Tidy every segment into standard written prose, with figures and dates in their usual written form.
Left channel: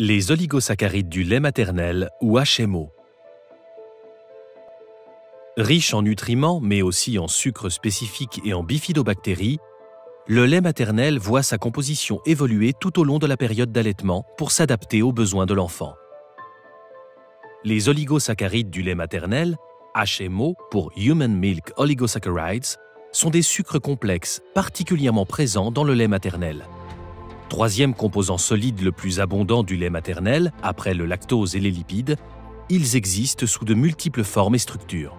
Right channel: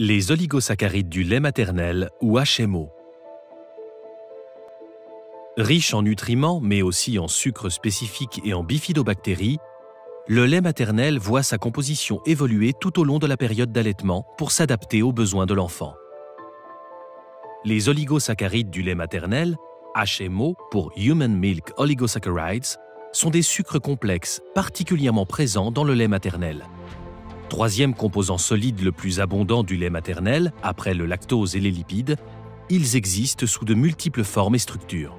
Les oligosaccharides du lait maternel ou HMO. Riche en nutriments mais aussi en sucres spécifiques et en bifidobactéries, le lait maternel voit sa composition évoluer tout au long de la période d'allaitement pour s'adapter aux besoins de l'enfant. Les oligosaccharides du lait maternel, HMO pour Human Milk Oligosaccharides, sont des sucres complexes particulièrement présents dans le lait maternel. Troisième composant solide le plus abondant du lait maternel, après le lactose et les lipides, ils existent sous de multiples formes et structures.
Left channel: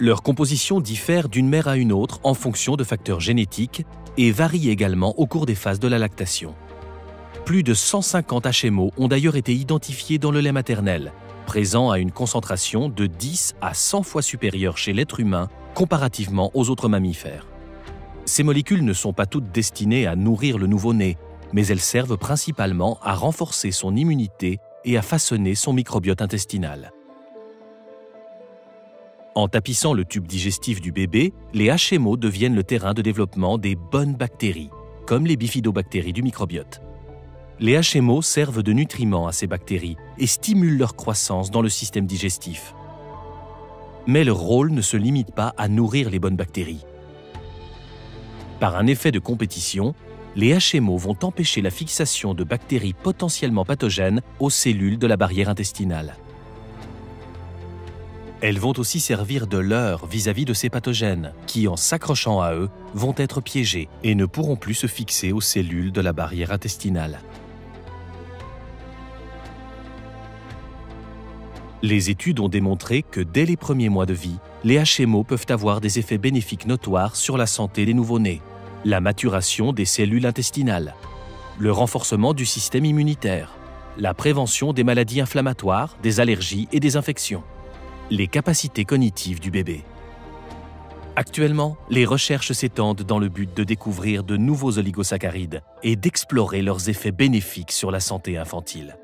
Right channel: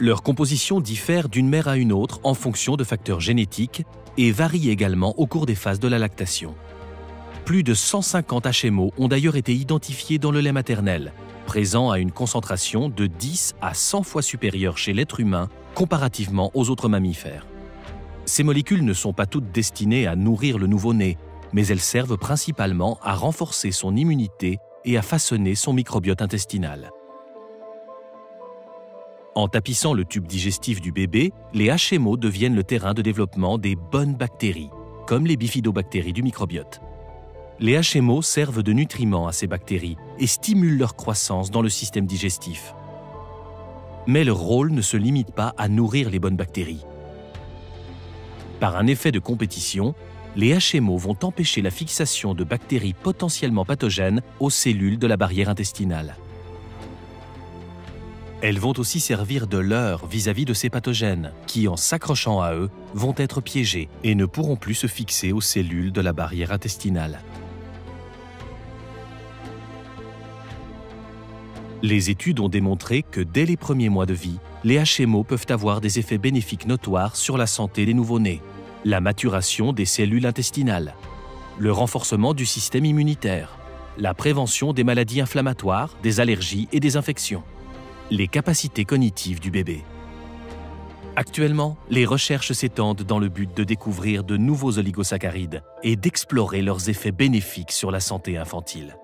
Leur composition diffère d'une mère à une autre en fonction de facteurs génétiques et varie également au cours des phases de la lactation. Plus de 150 HMO ont d'ailleurs été identifiés dans le lait maternel, présents à une concentration de 10 à 100 fois supérieure chez l'être humain comparativement aux autres mammifères. Ces molécules ne sont pas toutes destinées à nourrir le nouveau-né, mais elles servent principalement à renforcer son immunité et à façonner son microbiote intestinal. En tapissant le tube digestif du bébé, les HMO deviennent le terrain de développement des bonnes bactéries, comme les bifidobactéries du microbiote. Les HMO servent de nutriments à ces bactéries et stimulent leur croissance dans le système digestif. Mais leur rôle ne se limite pas à nourrir les bonnes bactéries. Par un effet de compétition, les HMO vont empêcher la fixation de bactéries potentiellement pathogènes aux cellules de la barrière intestinale. Elles vont aussi servir de leurre vis-à-vis de ces pathogènes qui, en s'accrochant à eux, vont être piégés et ne pourront plus se fixer aux cellules de la barrière intestinale. Les études ont démontré que dès les premiers mois de vie, les HMO peuvent avoir des effets bénéfiques notoires sur la santé des nouveau-nés, la maturation des cellules intestinales, le renforcement du système immunitaire, la prévention des maladies inflammatoires, des allergies et des infections, les capacités cognitives du bébé. Actuellement, les recherches s'étendent dans le but de découvrir de nouveaux oligosaccharides et d'explorer leurs effets bénéfiques sur la santé infantile.